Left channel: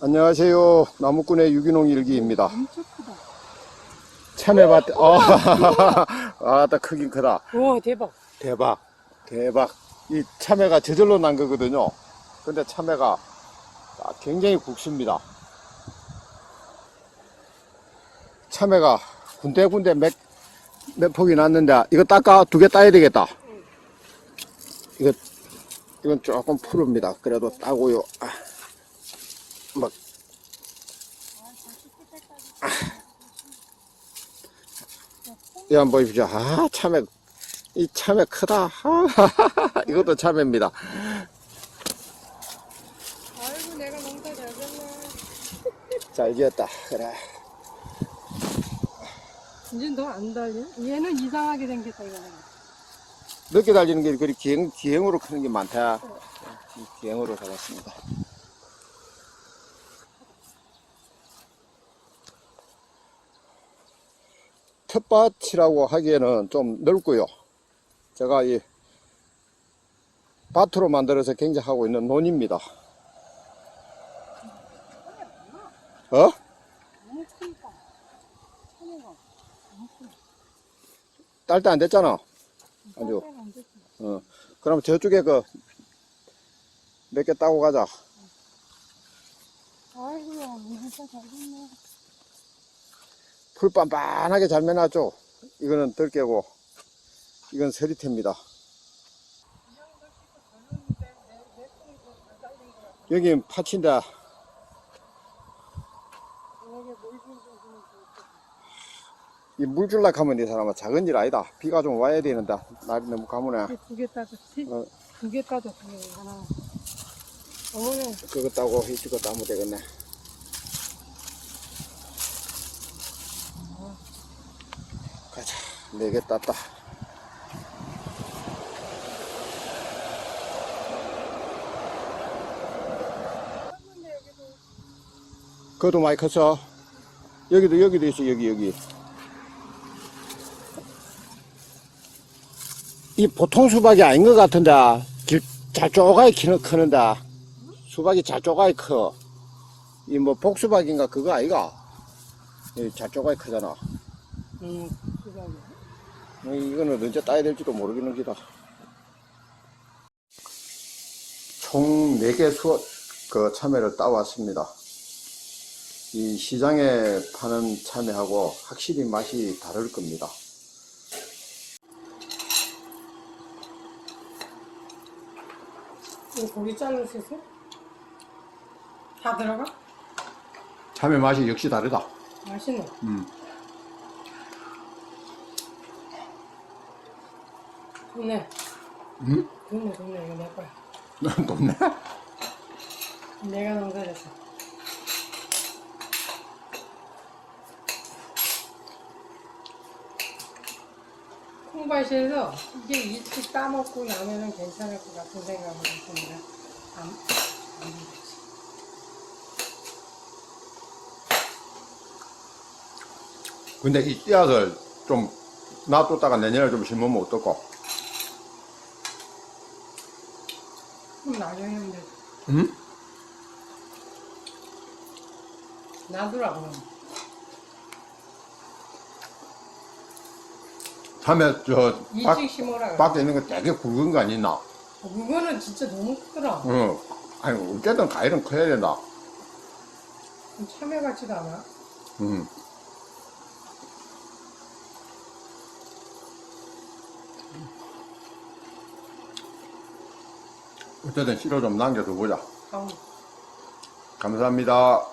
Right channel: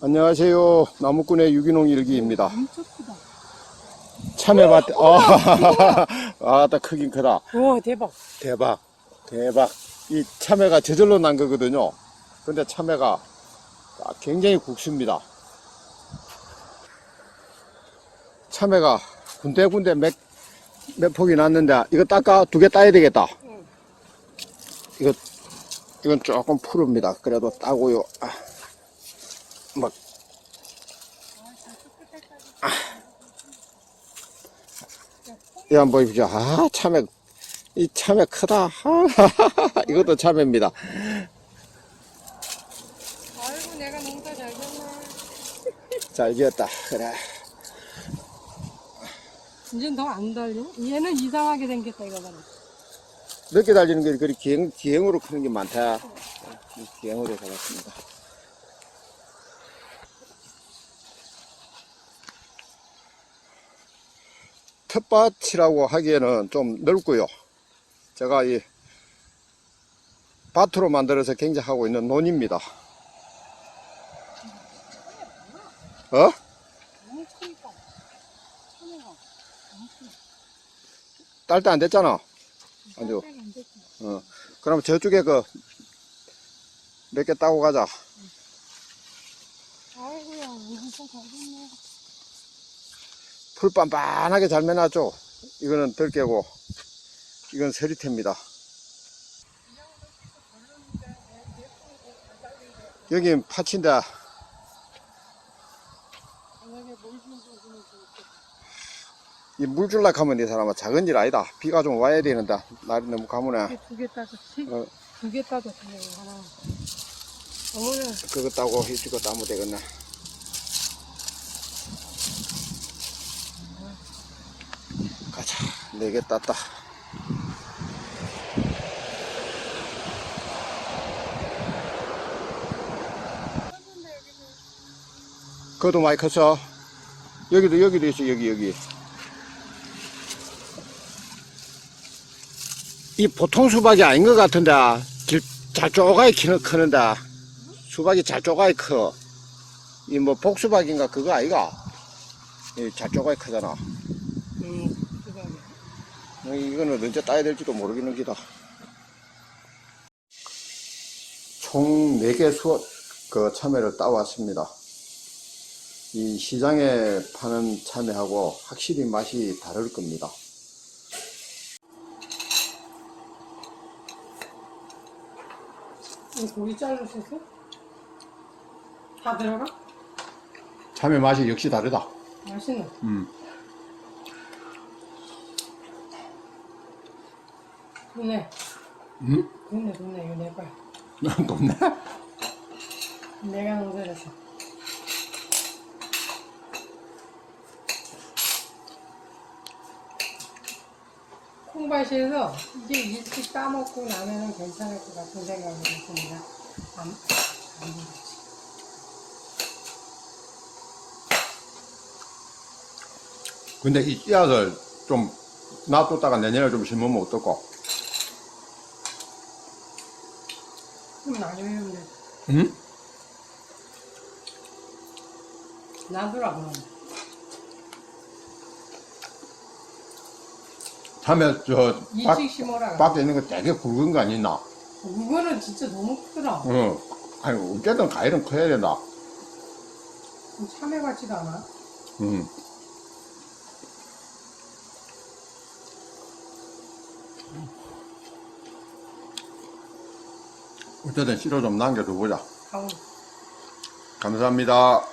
안녕하세요. 나무꾼의 유기농 일기입니다. 참외밭, 아, 아, 다 크긴 크다. 와 대박. 대박, 대박. 이 참외가 저절로 난 거거든요. 근데 참외가 아, 굉장히 국습니다. 참외가 군데군데 몇, 몇 폭이 났는데, 이거 닦아, 두 개 따야 되겠다. 이거, 이건 조금 푸릅니다. 그래도 따고요. 아, 막, 이 한번 보십시오. 아, 참외, 이 참외 크다. 하하하하. 이것도 참외입니다. 아이고 내가 농사 잘 됐나. 잘 지었다. 그래. 이제 더안 달려? 얘는 이상하게 생겼다 이거잖아. 늦게 달리는 게 그리 기행, 기행으로 크는 게 많다. 이 기행으로 잡았습니다. 텃밭이라고 하기에는 좀 넓고요. 제가 이 밭으로 만들어서 경작하고 있는 논입니다. 어? 딸 때 안 됐잖아. 됐어. 어. 그럼 저쪽에 그 몇 개 따고 가자. 아이고야 무슨 잘 됐네. 풀 빤빤하게 잘 매놨죠. 이거는 들깨고, 이건 서리태입니다. 여긴 좋겠다. 이 물 줄라 하면 이 사람은 작은 일 아니다. 비가 좀 와야 되는데, 날이 너무 가무네. 두개 따졌지? 어. 두개 따졌지. 아. 오늘 그거 따고 이거 따면 되겠네. 개 땄다. 그것도 많이 컸어. 여기도, 여기도 있어, 여기, 여기. 이 보통 수박이 아닌 것 같은데, 길, 잘 쪼가이 키는, 크는데. 수박이 잘 쪼가이 커. 이 뭐 복수박인가 그거 아이가? 이잘 쪼가이 크잖아. 어, 이거는 언제 따야 될지도 모르겠는 기다. 총 4개 수, 그 참외를 따왔습니다. 이 시장에 파는 참외하고 확실히 맛이 다를 겁니다. 고기 있어? 다 들어가? 참외 맛이 역시 다르다. 맛있네. 음. 좋네. 음? 좋네, 좋네. 이거 내 거야. 높네. 내가 농사했어. 콩밭에서 이게 일찍 따먹고 나면은 괜찮을 것 같은 생각이 듭니다. 안, 안 되겠지. 근데 이 씨앗을 좀 놔뒀다가 내년에 좀 심으면 어떨까? 그럼 나중에 돼. 응? 그럼. 참외 저 밖, 일찍 심어라. 밖에 있는 거 되게 굵은 거 아니나? 그거는 진짜 너무 크더라. 어. 아니 어쨌든 과일은 커야 된다. 참외 같지도 않아. 음. 어쨌든 씨로 좀 남겨서 보자. 아우. 감사합니다.